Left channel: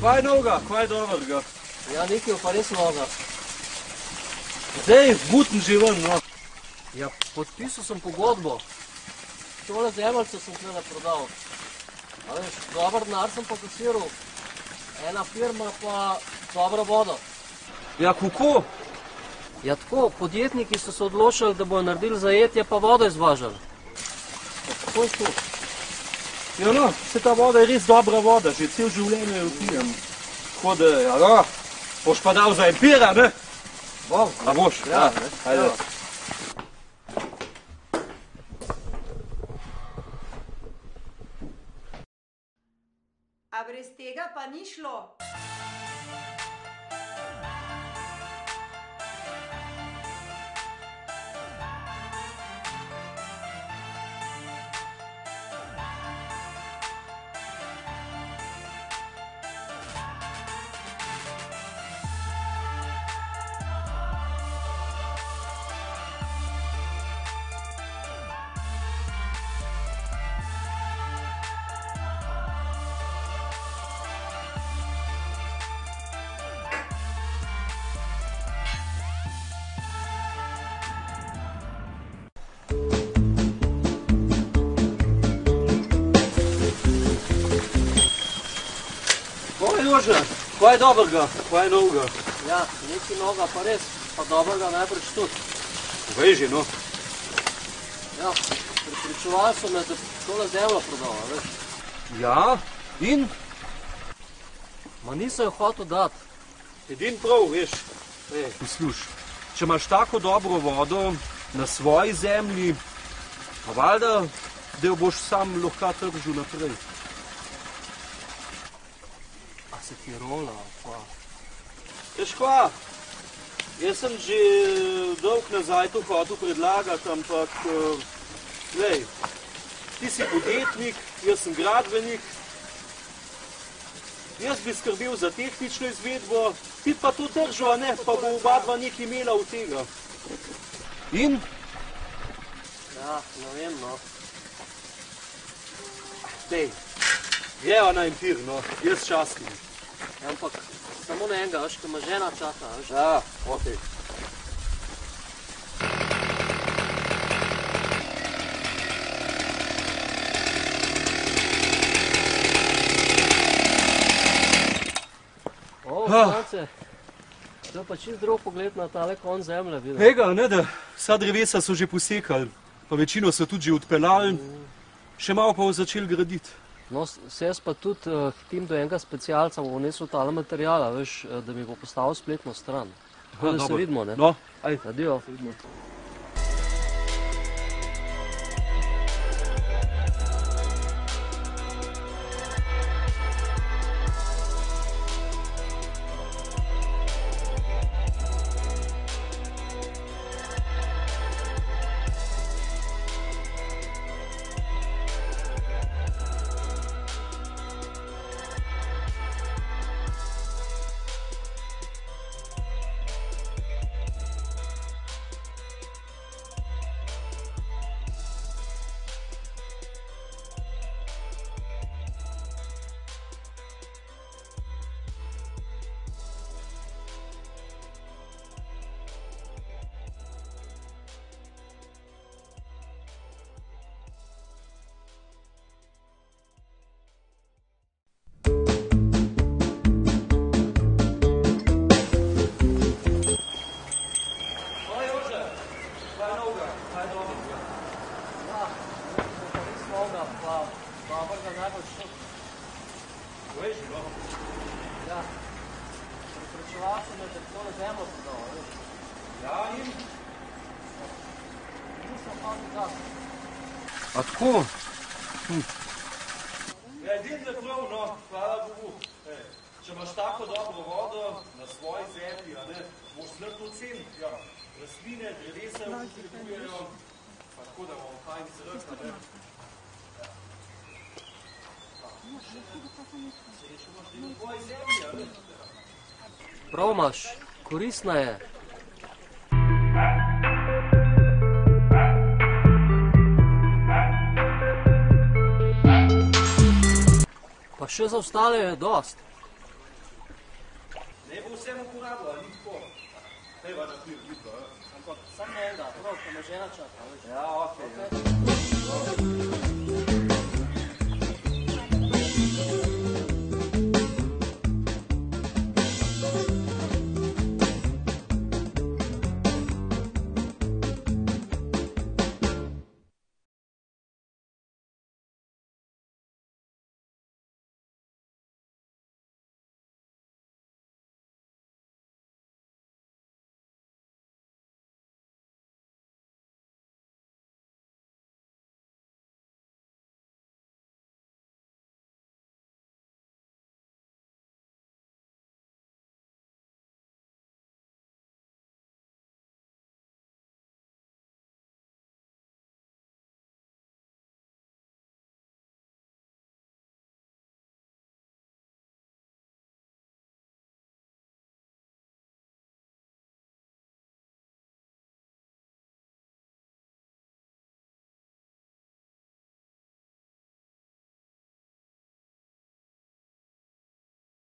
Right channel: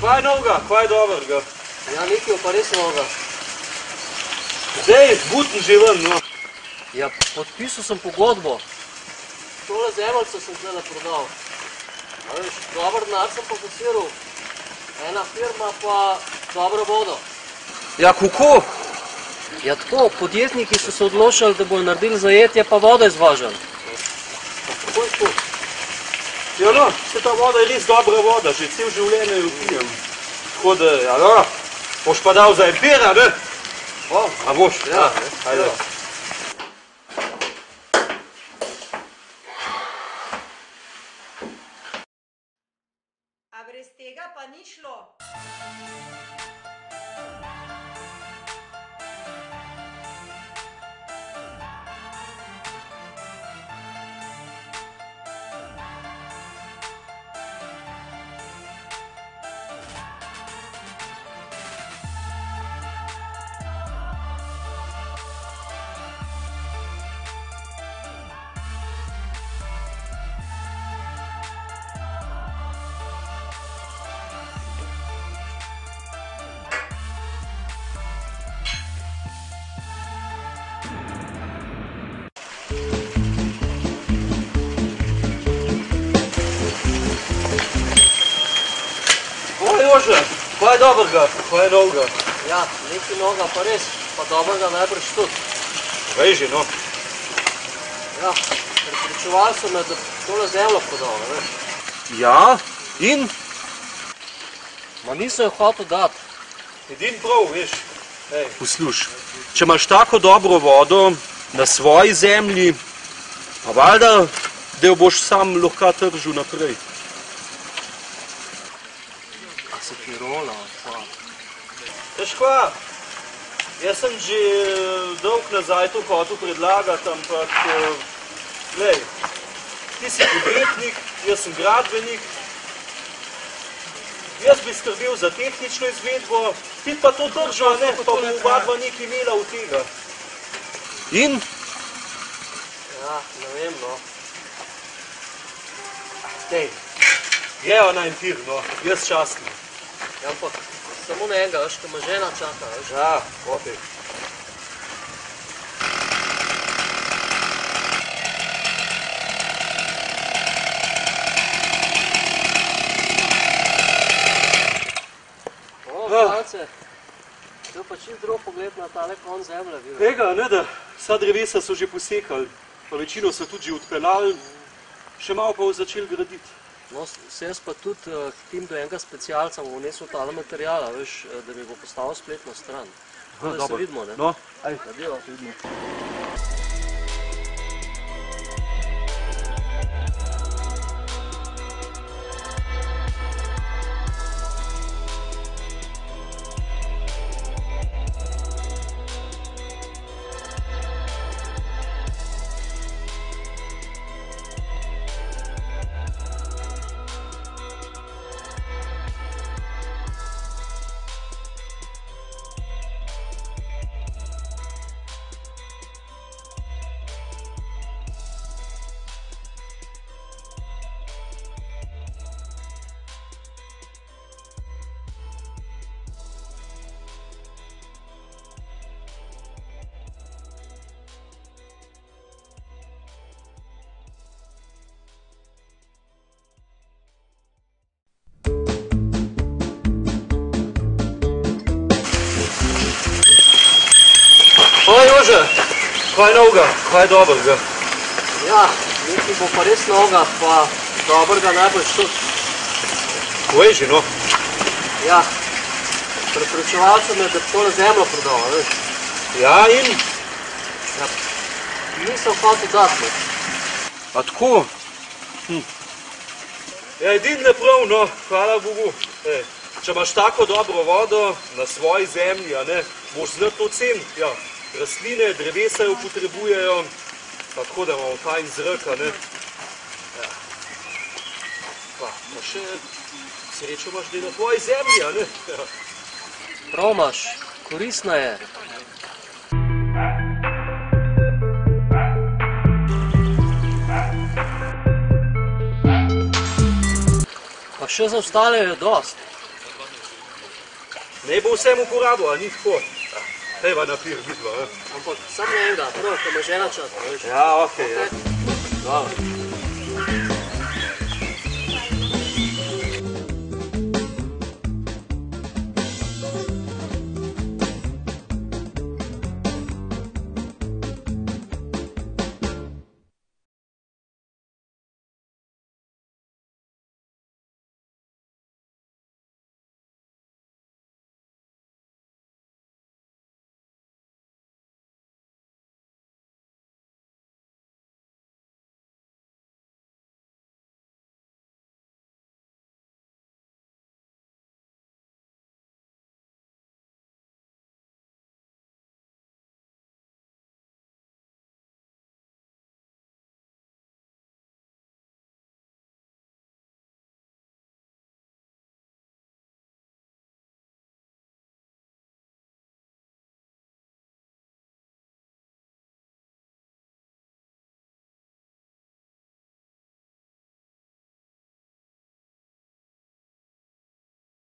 Kva je novega, kva je dobrega? Ja, nekaj pa res novega. Zdaj, butim že ven, no. Ja, podpisal sem pogodbo. Tole zemljico sem tle prodal. A veš, dober denar sem pokasiral. Ena firma pa dobra voda. Ja, kako? Ja tako, podjetniki so se odločili, da bojo naredili zajetje, pa voda izvažali. Kako je to? Ja no, se ta voda je res dobra voda, že cel življenje jo pijem. Tako da, ja no, boš pa dal za empira, ne? A boš? Ja, ajde. A brez tega pa ni šlo. Jože, kva je dobrega, kva je novega? Ja, nekaj novega pa res, pa dobrega najbrž tudi. Veži, no. Ja, prepričevali so me, da tole zemljo prodal, ne veš. Ja, in? Ma niso jo hotel dati. Edin prav, veš. Posluš, če imaš tako dobro vodo na svoji zemlji, pa valjda, da jo boš sam lahko tržil naprej. Se ti rola, pa. Veš kva, jaz sem že dolg nazaj to hotel predlagati, ampak, glej, ti si podjetnik, jaz sem gradbenik, jaz bi skrbel za tehnično izvedbo, ti pa to držal, ne, pa bo oba dva nekaj imela od tega. In? Ja, ne vem, no. Dej, jeva na empir, no, jaz častnim. Ja, ampak samo na enega, veš, ko me žena čaka, veš. Ja, okej. Malce, zdaj pa čist drug pogled na tale konc zemlje, vidim. Tega, ne da, vsa drevesa so že posekali, pa večino so tudi že odpeljali, še malo pa začeli graditi. No, se jaz pa tudi hitim do enega specialca, bom nesel tale materijala, veš, da mi bo postavil spletno stran. Tako da se vidimo, ne? No, ajde. Adijo. Jože, kva je novega, kva je dobrega? Ja, nekaj bo pa res novega, pa dobrega najbolj tudi. Veži, no. Ja, prepričevali so me, da tole zemljo prodal, veš. Ja, in? Ja, nisem hotel dati, ne. A tako? Ja, edin ne prav, no, hvala Bogu. Če imaš tako dobro vodo na svoji zemlji, a ne, boš znati to ceniti, ja. Rastline, drevesa jo potrebujejo, tako da imamo tajn zrak, a ne. Ja. Pa še srečo imaš, da je na tvoji zemlji, a ne. Ja. Prav imaš, koristna je. Pa še za ostale je dost. Ne bo vsem uporabil, a ni tako. Dajva na pir, vidva. Ampak sam ne enega, prav, ko ima žena čas. Ja, okej. Dobro.